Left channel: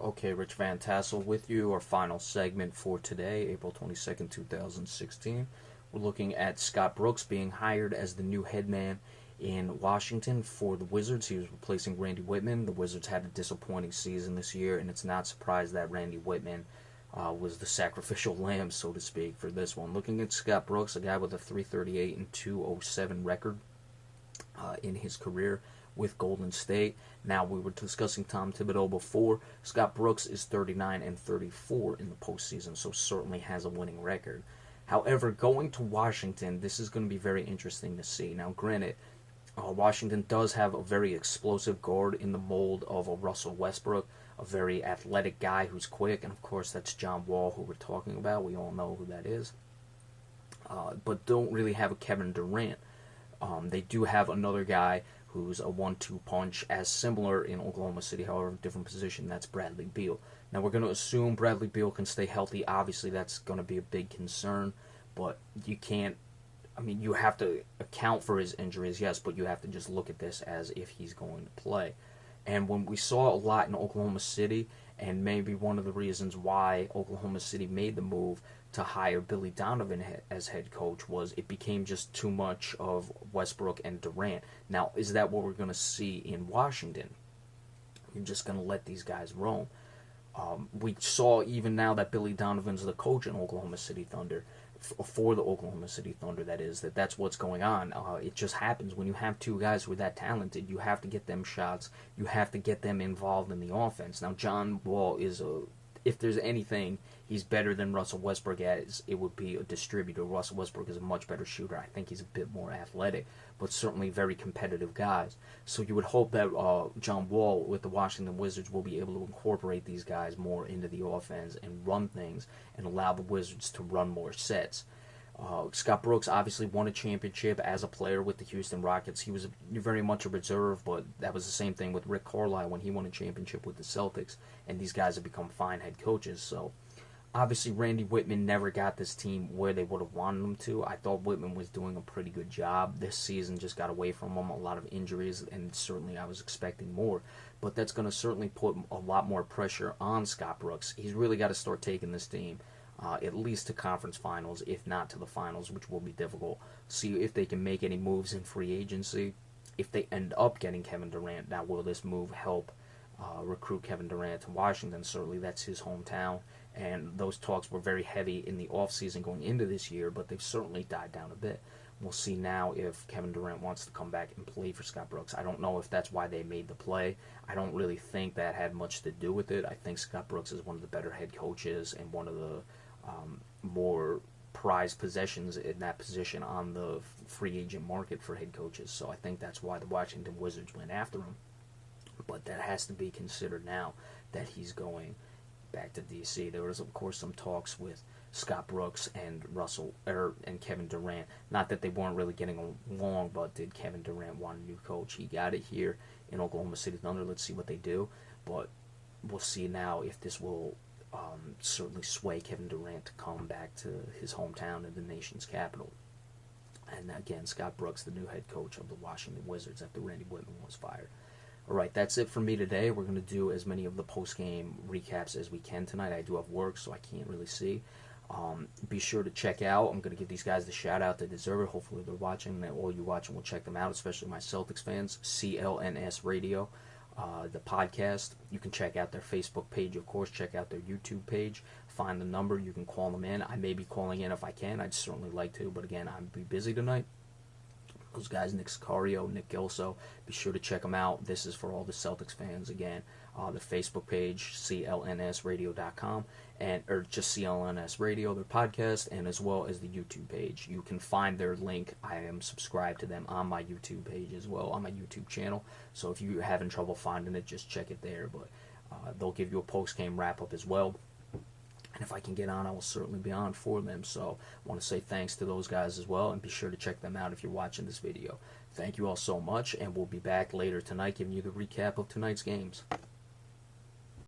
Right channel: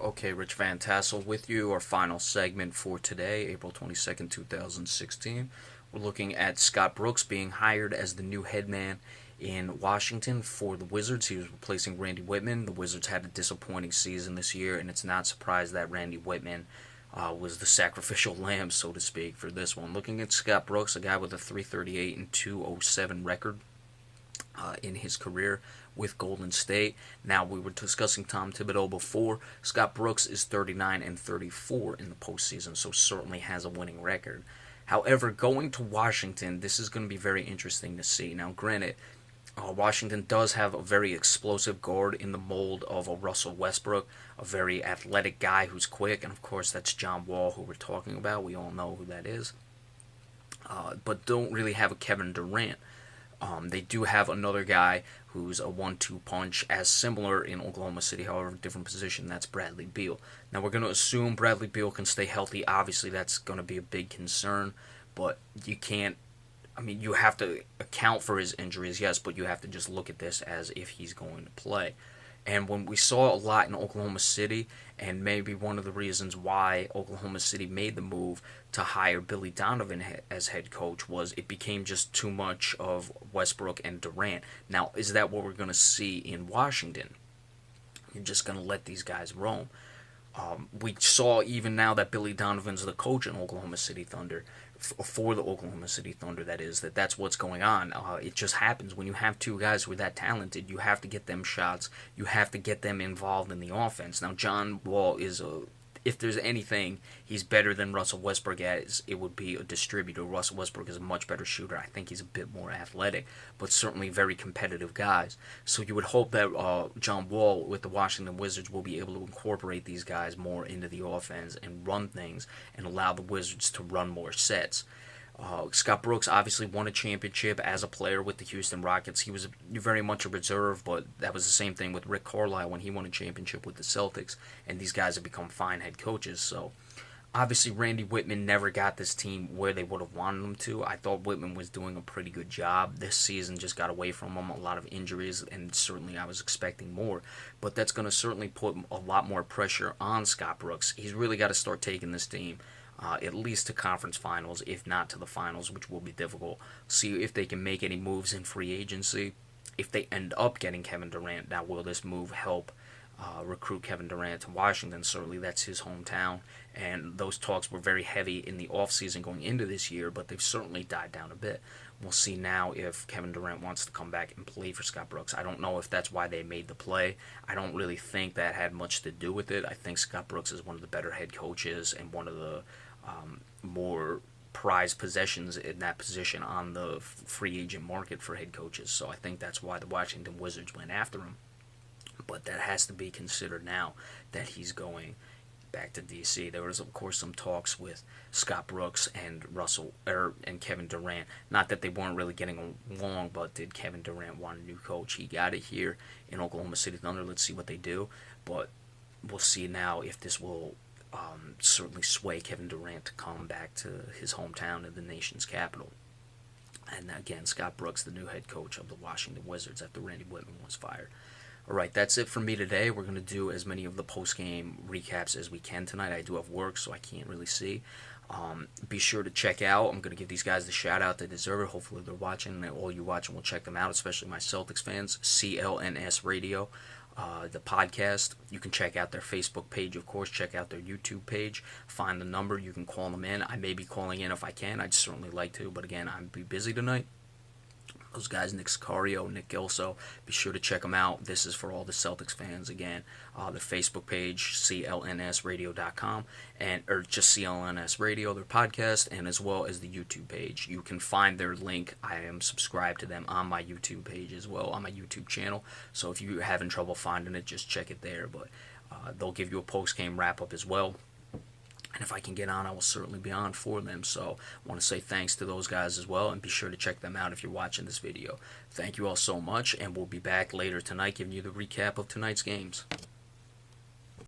Okay, Rich Van Tassel with you, our final segment for today, April 22nd, 2016. We're looking at Scott Brooks being hired as the new head man in Washington for the Wizards. He was replacing Randy Whitman. The Wizards had a disappointing season this year, and it's not surprised that Randy Whitman was the sacrificial lamb, so to speak, for this one. Looking at Scott Brooks, a guy with a 338 and 207 record in his career with Golden State. Now, we were discussing Tom Thibodeau before. Scott Brooks is 39 and 34 in the postseason, so certainly has a winning record. However, going to Washington, this is going to be very interesting to see. Now, granted, Washington does have a very explosive guard in the mold of a Russell Westbrook, a very athletic guy who's quick, and of course that's John Wall, who we're talking about. We all know who that is. But don't really have a Kevin Durant. They do have another guy who's a 1-2 punch, as similar in Oklahoma City, however, different position. That's Bradley Beal. Now, we're going to assume Bradley Beal can stay healthy. Obviously, that's going to be a big concern, but you can't. I mean, you have to account for his injuries, yes, but you have to just look at this as if he's going to play. And when we saw a lot in Oklahoma City, and maybe one of the reasons why Oklahoma City made the move to hire Billy Donovan as head coach, was it became just too much of Westbrook and Durant. Now, is that what we're going to see in Washington? You're just going to let these guys roam. We saw even now that Billy Donovan's the coach in Oklahoma City Thunder, for the Oklahoma City Thunder, that's what's going on. It just happens when you have two guys who are that talented. You have to get them shots. You have to get them involved in the offense. Now, John Wall if there's anything he's better than Russell Westbrook at, it would be a distributor. Russell Westbrook is a much better shooter. I think he's a bit more athletic, but certainly very competitive guys. So you would hope that John Wall with the Washington Wizards will be able to incorporate these guys more into the offense and run things and allow the Wizards to run more sets. Scott Brooks obviously won a championship as a player with the Houston Rockets. He was very much a reserve, but that was the same thing with Rick Carlisle when he won a championship with the Celtics, and these guys have become fine head coaches. So obviously Randy Whitman never got this team where they would have wanted him to. I thought Whitman was doing a pretty good job. This season just got away from him, a lot of injuries, and certainly I was expecting more. But that's going to certainly put a lot more pressure on Scott Brooks. He's really got to start taking this team at least to conference finals, if not to the finals, which will be difficult. See if they can make any moves in free agency. If they end up getting Kevin Durant, now will this move help recruit Kevin Durant to Washington? Certainly that's his hometown, and those talks were very heavy in the offseason going into this year, but they've certainly died down a bit. We'll see now if Kevin Durant wants to come back and play for Scott Brooks. I don't know if that's why they made the play. I don't really think that had much to do with it. I think Scott Brooks is one of the better head coaches and one of the more prized possessions in that position on the free agent market for head coaches. So I think that's why the Washington Wizards went after him. But that has to be considered now that he's going back to DC. There was, of course, some talks with Scott Brooks and and Kevin Durant. Not that they weren't really getting along, but did Kevin Durant want a new coach? He got it here in Oklahoma City Thunder. Let's see what they do. But we'll see now if this will certainly sway Kevin Durant to come back to his hometown in the nation's capital. And again, Scott Brooks, the new head coach of the Washington Wizards after Randy Whitman was fired. All right, that's it for me today. We're going to do as many of the post-game recaps as we can tonight. I do have work, so I can't really see. Be sure to check out. I'm going to give these guys the shout-out they deserve it. Hopefully they're watching, and all you watching will check them out, especially my Celtics fans. CLNS Radio. The podcast. You can check out their Facebook page, of course. Check out their YouTube page. Find the number. You can call them in. I may be calling in if I can. I'd certainly like to, but again, I'd be busy tonight. Those guys, Nick Sicario, Nick Gilso, be sure to check them out. This is for all the Celtics fans. Again, the Facebook page, clnsradio.com, or just CLNS Radio, their podcast, and as well as the YouTube page. You can find their link. I am subscribed to them on my YouTube page as well, on my YouTube channel. So if you're having trouble finding it, just check it there. But they'll give you a post-game wrap-up as well. And if I can get on, I will certainly be on for them. So I want to say thanks to those guys as well, and be sure to check them out if you're watching this video. Thank you all so much, and we'll be back later tonight giving you the recap of tonight's games.